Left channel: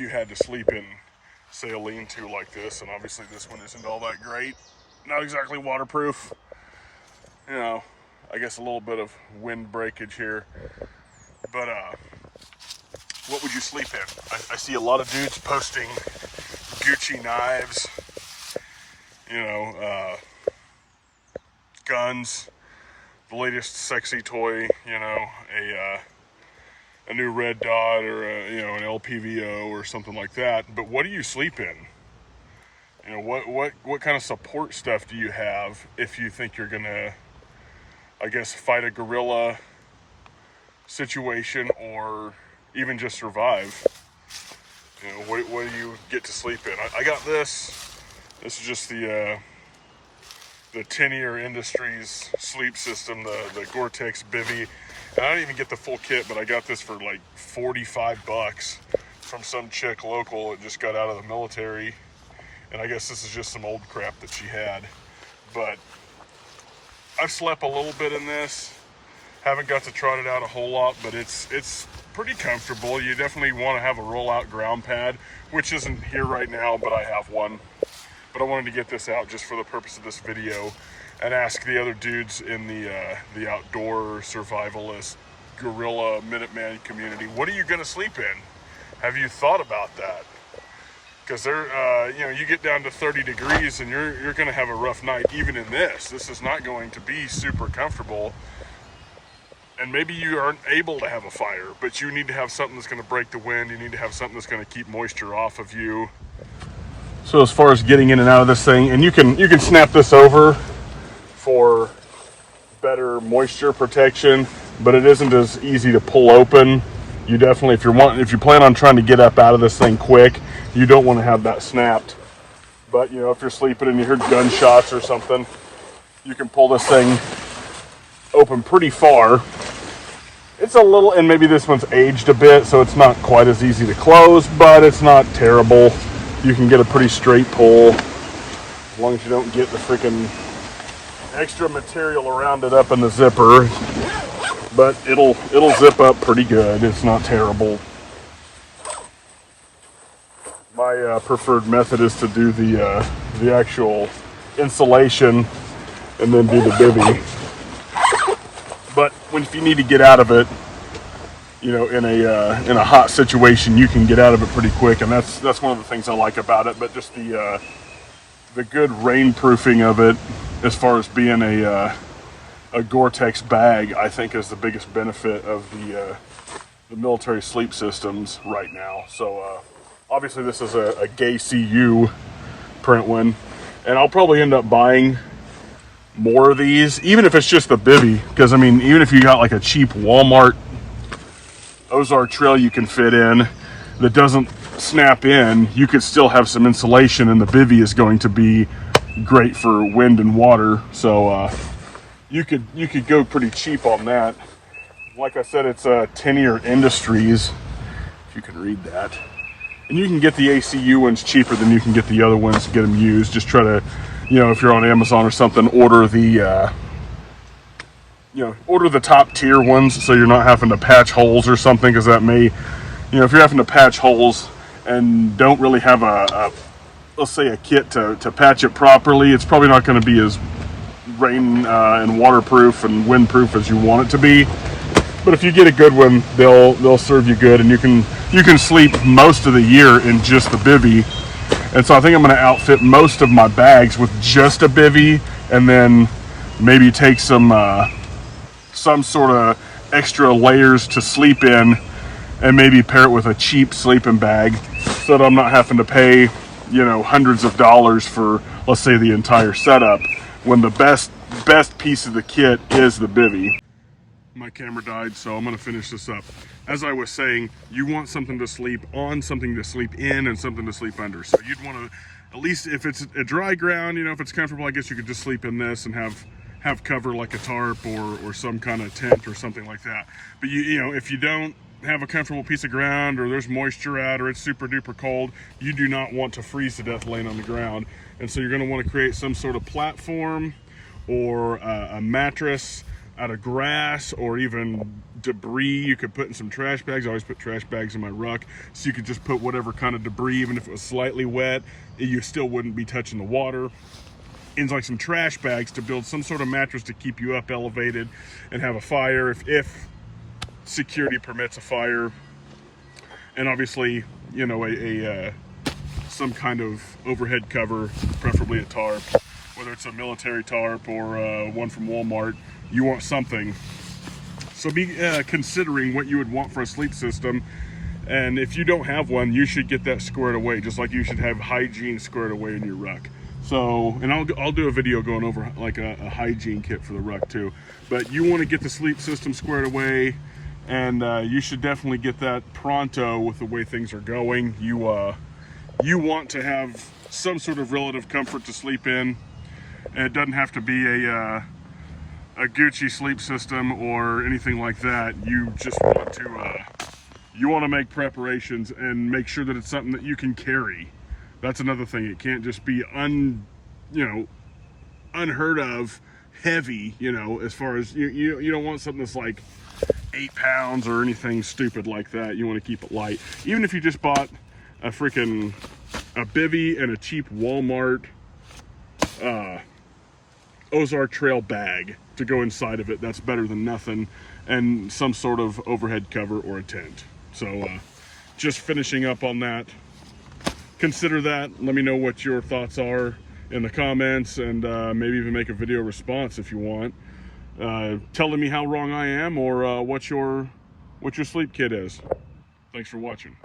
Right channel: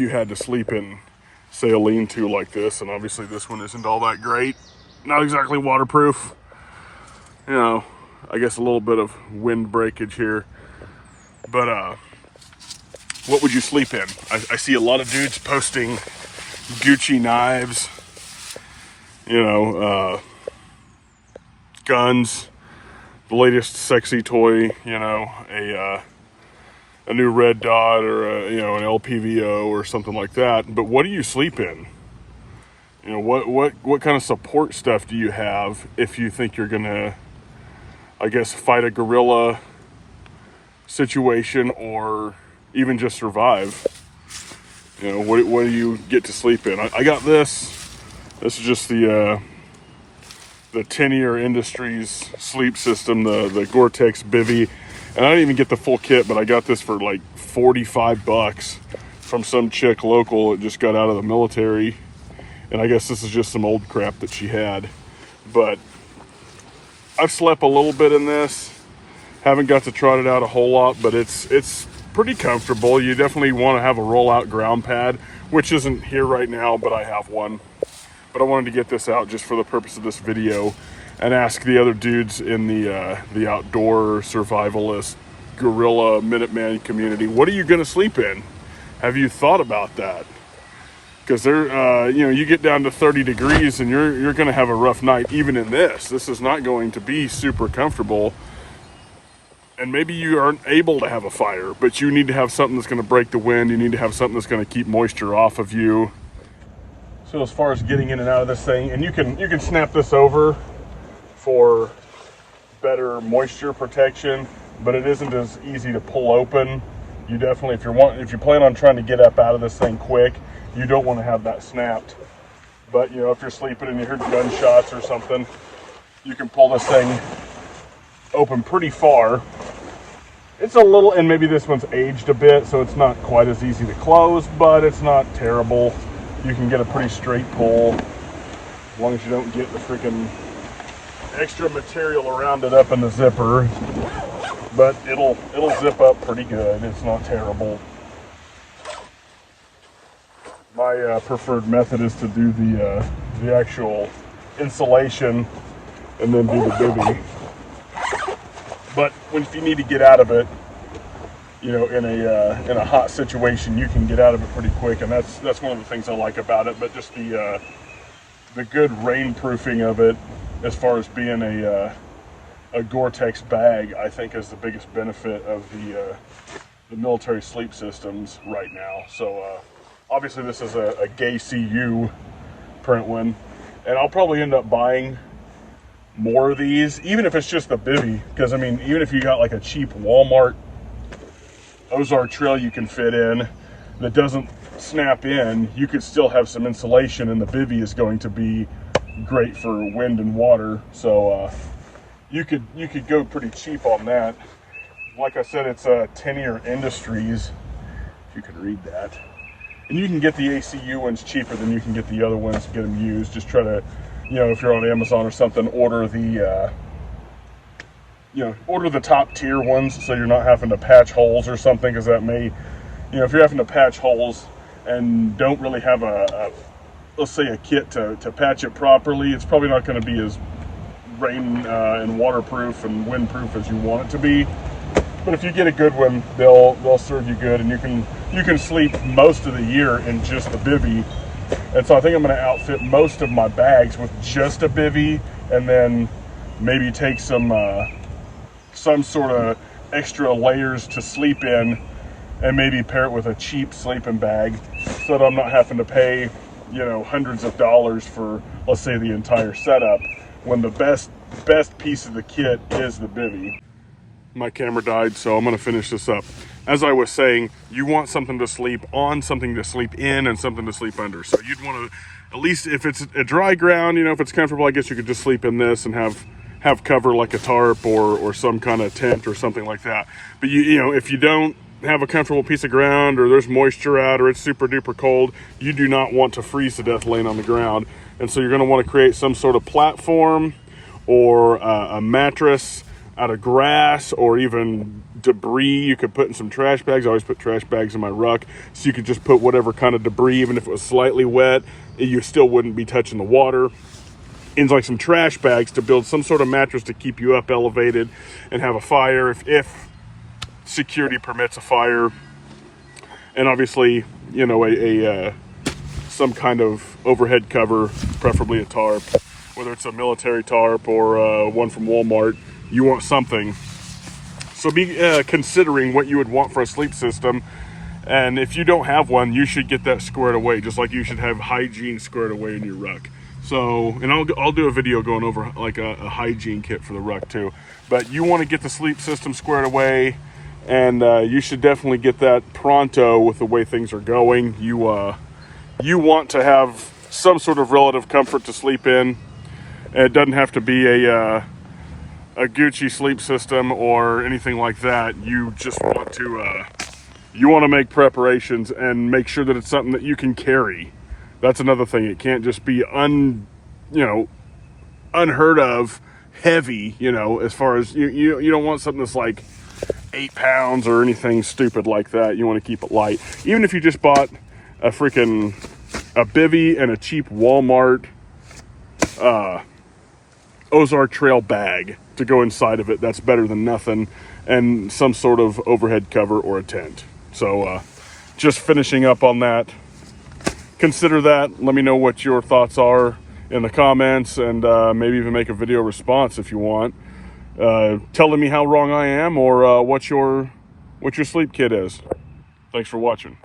you had to sleep in, say, a lean-to like this, and obviously this one isn't all that great, not exactly waterproof, you know, I guess a little bit of wind breakage here, but what would you sleep in? I see a lot of dudes posting Gucci knives, you know, guns, the latest sexy toy, you know, a new red dot or a, you know, an LPVO or something like that. But what do you sleep in? You know, what kind of support stuff do you have if you think you're gonna, I guess, fight a guerrilla situation or even just survive? You know, what do you get to sleep in? I got this. This is just the Tennier Industries sleep system, the Gore-Tex bivy. And I didn't even get the full kit, but I got this for like 45 bucks from some chick local that just got out of the military. And I guess this is just some old crap that she had. But I've slept a little bit in this. Haven't got to trot it out a whole lot, but it's pretty comfortable. You definitely want to have a rollout ground pad, which isn't here right now, but I have one. But I wanted to get this out just for the purpose of this video and ask the other dudes in the outdoor survivalist guerrilla Minuteman community, what are you going to sleep in? Have you thought about that? Because they're, you know, you get down to 30 degrees and you're going to have a rough night even in this. This is not going to be super comfortable. And maybe you aren't able to have a fire, but you need to have something that's going to break the wind. You need to have something that's going to keep moisture off of you. So as far as getting in and out of this thing, and you can snap this over for better moisture protection, but it isn't as easy to pull open. You definitely, if you plan on trying to get up out of this thing quick, you don't want to have that snapped. But you know, if you're sleeping and you heard gunshots or something, you can pull this thing open pretty far. It's a little, and maybe this one's aged a bit, so it's not quite as easy to close, but it's not terrible. You can get a pretty straight pull, as long as you don't get the freaking extra material around it up in the zipper. But it'll zip up pretty good. It's not terrible. My preferred method is to do the actual insulation and then do the bivy. But if you need to get out of it, you know, in a hot situation, you can get out of it pretty quick, and that's one of the things I like about it. But just the good rainproofing of it, as far as being a Gore-Tex bag, I think is the biggest benefit of the military sleep systems right now. So obviously this is a Gay CU print one, and I'll probably end up buying more of these, even if it's just the bivy, because I mean, even if you got like a cheap Walmart Ozark trail you can fit in that doesn't snap in, you could still have some insulation, and the bivy is going to be great for wind and water. So you could go pretty cheap on that. Like I said, it's Tennier Industries, if you can read that, and you can get the ACU ones cheaper than you can get the other ones to get them used. Just try to, you know, if you're on Amazon or something, order the order the top tier ones, so you're not having to patch holes or something, because that may, you know, if you're having to patch holes and don't really have let's say a kit to patch it properly, it's probably not going to be as rain and waterproof and windproof as you want it to be. But if you get a good one, they'll serve you good, and you can sleep most of the year in just the bivy. And so I think I'm going to outfit most of my bags with just a bivy, and then maybe take some sort of extra layers to sleep in, and maybe pair it with a cheap sleeping bag, so that I'm not having to pay, you know, hundreds of dollars for, let's say, the entire setup, when the best piece of the kit is the bivy. My camera died, so I'm going to finish this up. As I was saying, you want something to sleep on, something to sleep in, and something to sleep under. So you'd want to, at least if it's a dry ground, you know, if it's comfortable, I guess you could just sleep in this and have cover like a tarp or some kind of tent or something like that. But you know, if you don't have a comfortable piece of ground, or there's moisture out, or it's super duper cold, you do not want to freeze to death laying on the ground. And so you're going to want to create some sort of platform or a mattress out of grass, or even debris you could put in some trash bags. I always put trash bags in my ruck, so you could just put whatever kind of debris, even if it was slightly wet, you still wouldn't be touching the water. And like some trash bags to build some sort of mattress to keep you up elevated and have a fire if security permits a fire. And obviously, you know, some kind of overhead cover, preferably a tarp, whether it's a military tarp or one from Walmart. You want something. So be considering what you would want for a sleep system. And if you don't have one, you should get that squared away, just like you should have hygiene squared away in your ruck. So, and I'll do a video going over like a hygiene kit for the ruck too. But you want to get the sleep system squared away, and you should definitely get that pronto with the way things are going. You want to have some sort of relative comfort to sleep in. And it doesn't have to be a Gucci sleep system or anything like that. You just want to make preparations and make sure that it's something that you can carry. That's another thing. It can't just be unheard of heavy, you know, as far as you don't want something that's like 8 pounds or anything stupid like that. You want to keep it light. Even if you just bought a bivvy and a cheap Walmart Ozark Trail bag to go inside of it, that's better than nothing, and some sort of overhead cover or a tent. So just finishing up on that. Consider that. Let me know what your thoughts are in the comments, and maybe even make a video response if you want, telling me how wrong I am or what your sleep kit is. Thanks for watching.